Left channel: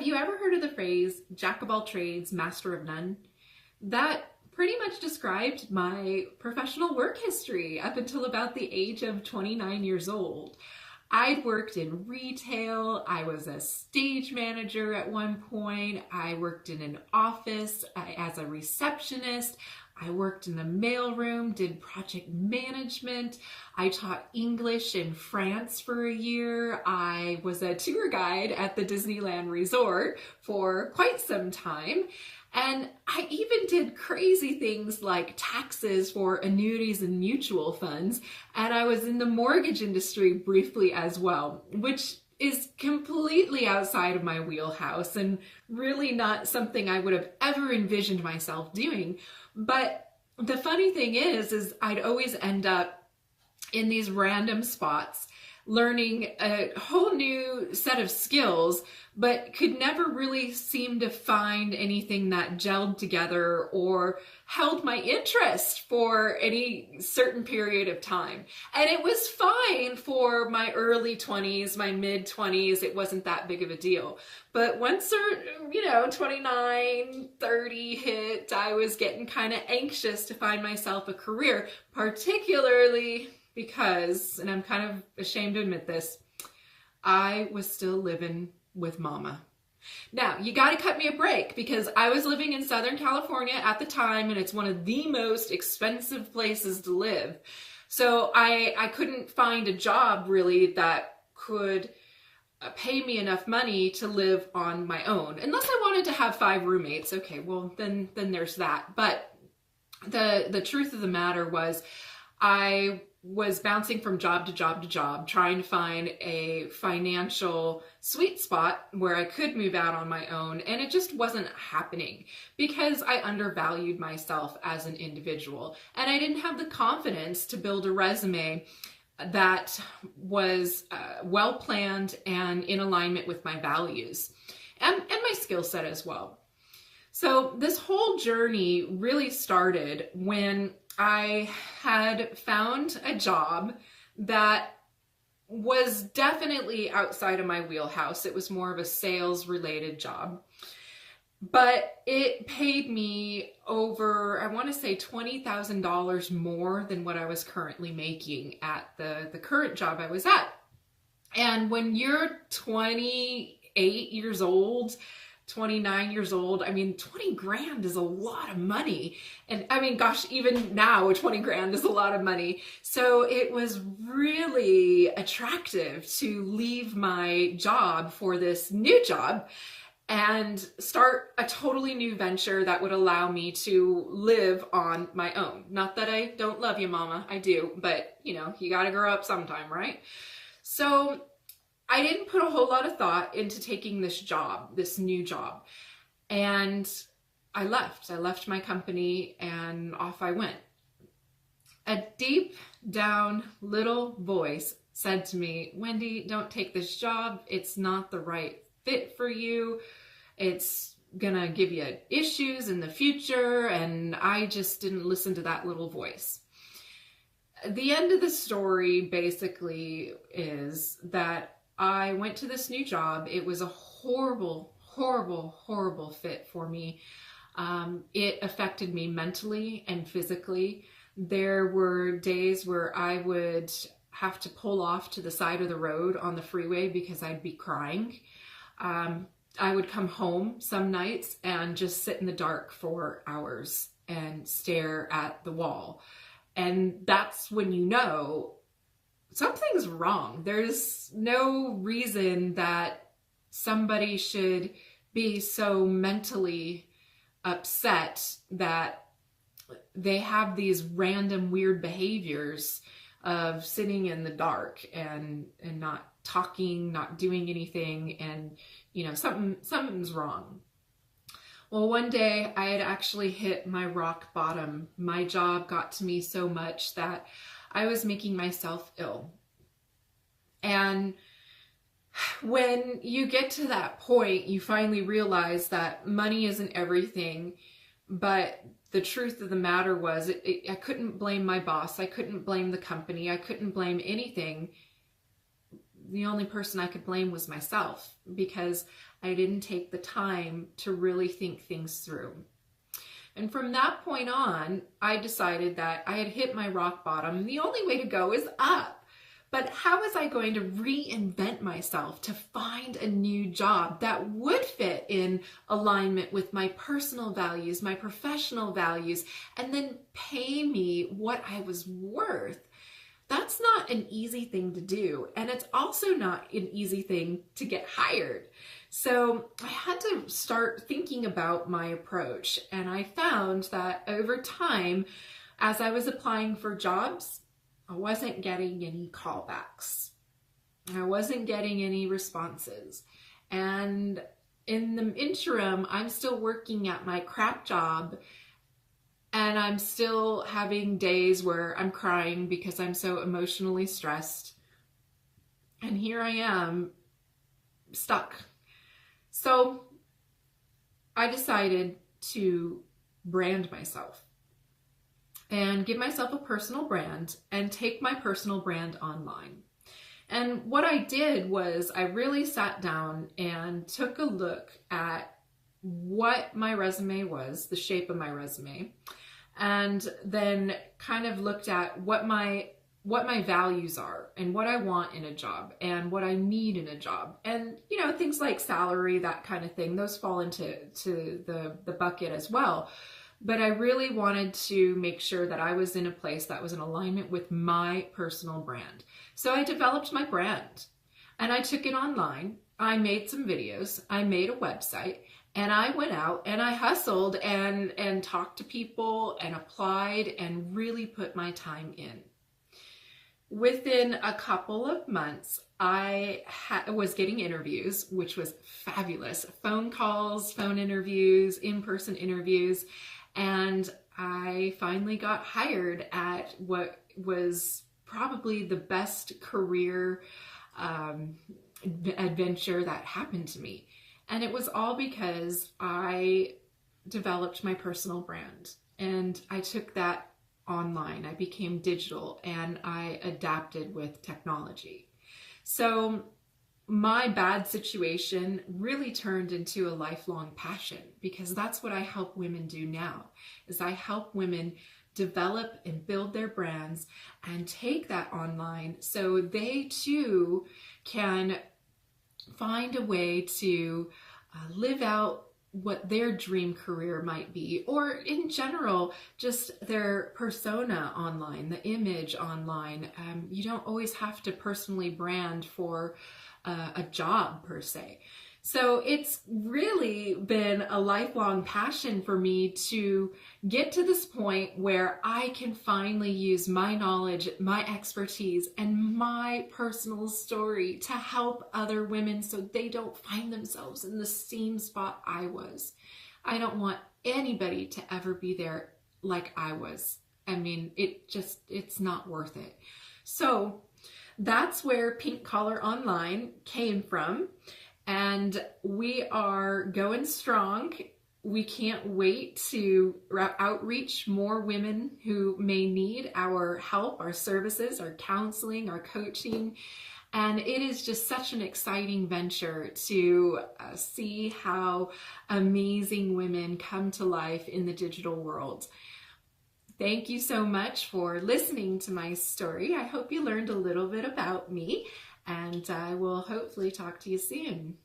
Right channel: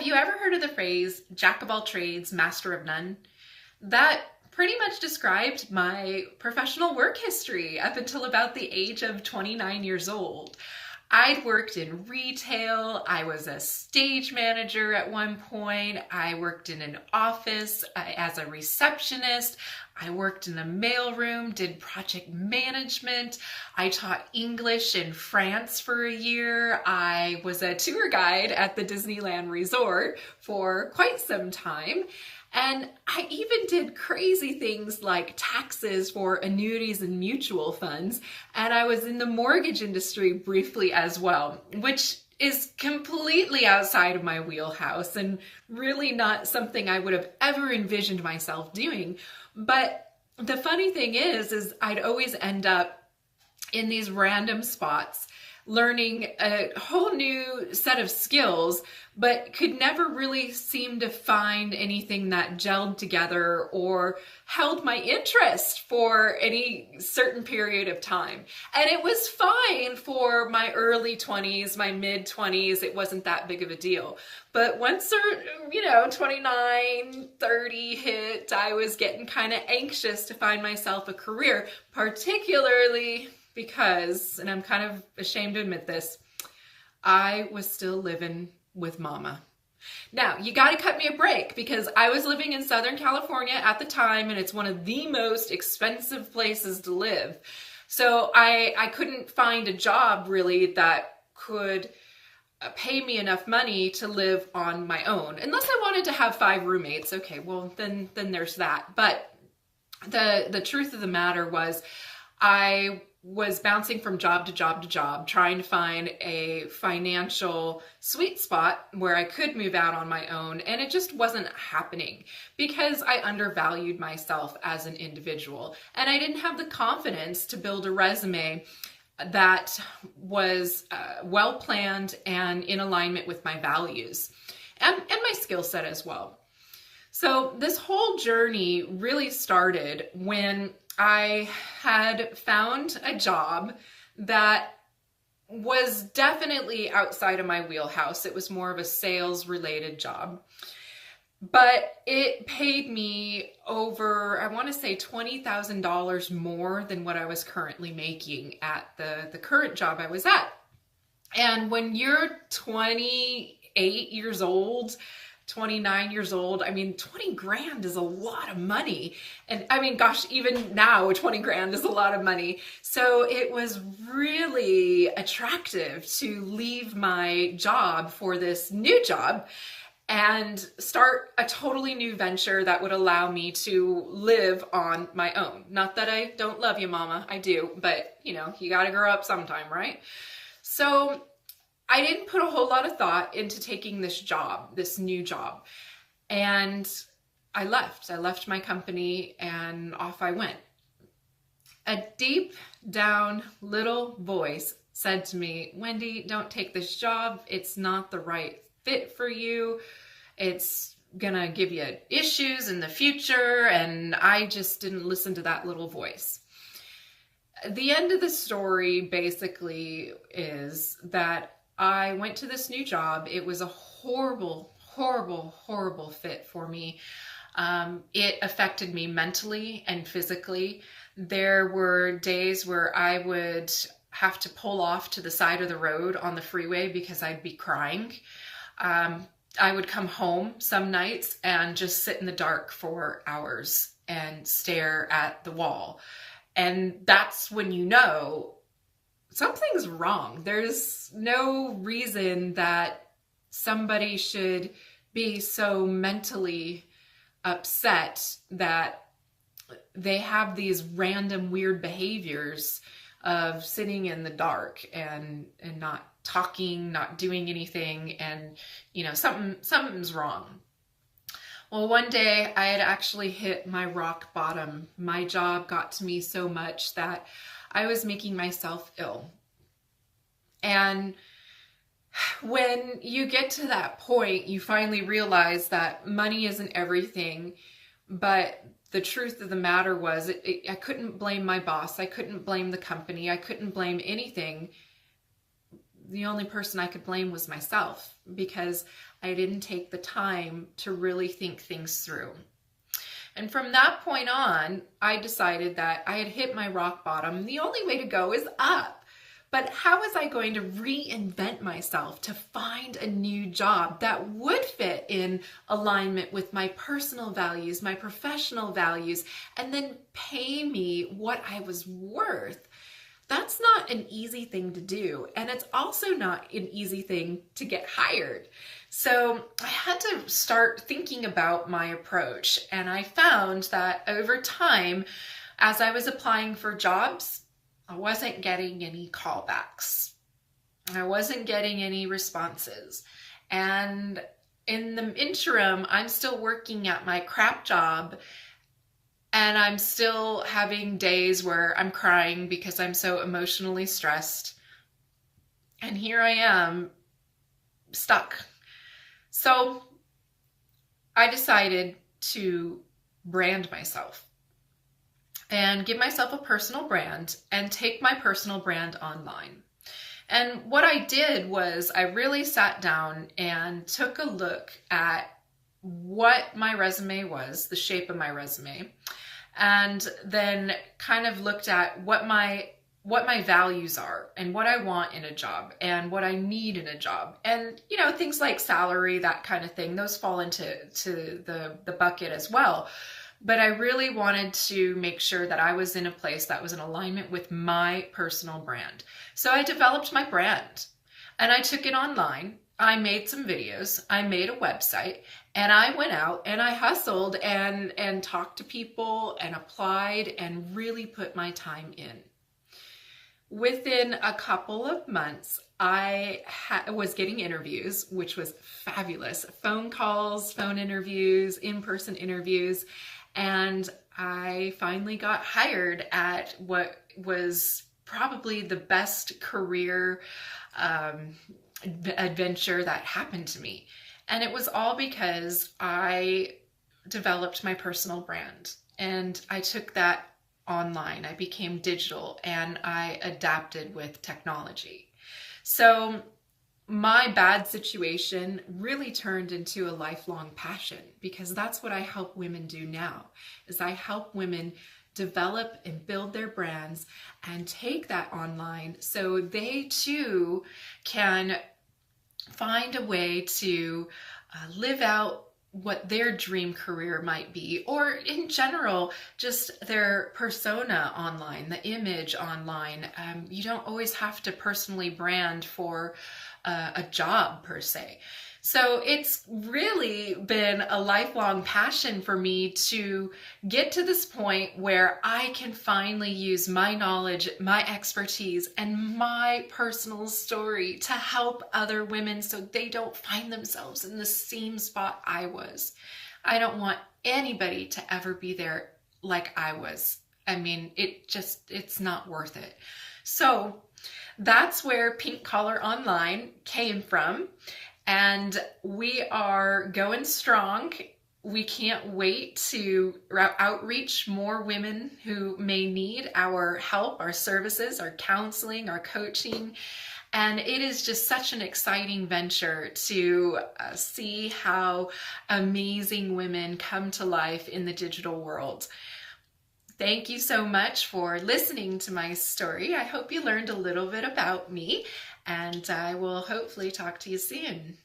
Have you ever heard of the phrase, jack of all trades, master of none? That pretty much described my professional work history up until about the age of 29 years old. I'd worked in retail, I was a stage manager at one point, I worked in an office as a receptionist, I worked in a mailroom, did project management, I taught English in France for a year, I was a tour guide at the Disneyland Resort for quite some time. And I even did crazy things like taxes for annuities and mutual funds. And I was in the mortgage industry briefly as well, which is completely outside of my wheelhouse and really not something I would have ever envisioned myself doing. But the funny thing is I'd always end up in these random spots learning a whole new set of skills, but could never really seem to find anything that gelled together or held my interest for any certain period of time. And it was fine for my early 20s, my mid 20s, it wasn't that big of a deal. But once 29, 30 hit, I was getting kind of anxious to find myself a career, particularly because, and I'm kind of ashamed to admit this, I was still living with mama. Now, you got to cut me a break because I was living in Southern California at the time, and it's one of the most expensive places to live. So I couldn't find a job really that could pay me enough money to live on my own, unless I wanted to have 5 roommates. Okay, well, then there's that. But the truth of the matter was I was bouncing from job to job to job, trying to find a financial sweet spot where I could move out on my own, and it just wasn't happening because I undervalued myself as an individual, and I didn't have the confidence to build a resume that was well planned and in alignment with my values and my skill set as well. So this whole journey really started when I had found a job that was definitely outside of my wheelhouse. It was more of a sales related job, but it paid me over, I want to say $20,000 more than what I was currently making at the current job I was at. And when you're 28 years old, 29 years old, I mean, 20 grand is a lot of money. And I mean, gosh, even now 20 grand is a lot of money. So it was really attractive to leave my job for this new job and start a totally new venture that would allow me to live on my own. Not that I don't love you, mama, I do, but you gotta grow up sometime, right? So I didn't put a whole lot of thought into taking this job, this new job. And I left my company and off I went. A deep down little voice said to me, Wendy, don't take this job. It's not the right fit for you. It's gonna give you issues in the future. And I just didn't listen to that little voice. The end of the story basically is that I went to this new job. It was a horrible, horrible, horrible fit for me. It affected me mentally and physically. There were days where I would have to pull off to the side of the road on the freeway because I'd be crying. I would come home some nights and just sit in the dark for hours and stare at the wall. And that's when you know something's wrong. There's no reason that somebody should be so mentally upset that they have these random weird behaviors of sitting in the dark and not talking, not doing anything, and something's wrong. Well, one day I had actually hit my rock bottom. My job got to me so much that I was making myself ill. And when you get to that point, you finally realize that money isn't everything. But the truth of the matter was, I couldn't blame my boss. I couldn't blame the company. I couldn't blame anything. the only person I could blame was myself, because I didn't take the time to really think things through. And from that point on, I decided that I had hit my rock bottom. The only way to go is up. But how was I going to reinvent myself to find a new job that would fit in alignment with my personal values, my professional values, and then pay me what I was worth? That's not an easy thing to do. And it's also not an easy thing to get hired. So I had to start thinking about my approach. And I found that over time, as I was applying for jobs, I wasn't getting any callbacks. I wasn't getting any responses. And in the interim, I'm still working at my crap job, and I'm still having days where I'm crying because I'm so emotionally stressed. And here I am, stuck. So I decided to brand myself and give myself a personal brand and take my personal brand online. And what I did was I really sat down and took a look at what my resume was, the shape of my resume, and then kind of looked at what my values are and what I want in a job and what I need in a job. And, you know, things like salary, that kind of thing, those fall into the bucket as well. But I really wanted to make sure that I was in a place that was in alignment with my personal brand. So I developed my brand and I took it online. I made some videos, I made a website, and I went out and I hustled and talked to people and applied and really put my time in. Within a couple of months, I was getting interviews, which was fabulous. Phone calls, phone interviews, in-person interviews, and I finally got hired at what was probably the best career adventure that happened to me. And it was all because I developed my personal brand and I took that online. I became digital and I adapted with technology. So my bad situation really turned into a lifelong passion, because that's what I help women do now, is I help women develop and build their brands and take that online so they too can find a way to live out what their dream career might be, or in general, just their persona online, the image online. You don't always have to personally brand for a job per se. So it's really been a lifelong passion for me to get to this point where I can finally use my knowledge, my expertise, and my personal story to help other women so they don't find themselves in the same spot I was. I don't want anybody to ever be there like I was. I mean, it's not worth it. So that's where Pink Collar Online came from. And we are going strong. We can't wait to outreach more women who may need our help, our services, our counseling, our coaching. And it is just such an exciting venture to see how amazing women come to life in the digital world. Thank you so much for listening to my story. I hope you learned a little bit about me, and I will hopefully talk to you soon.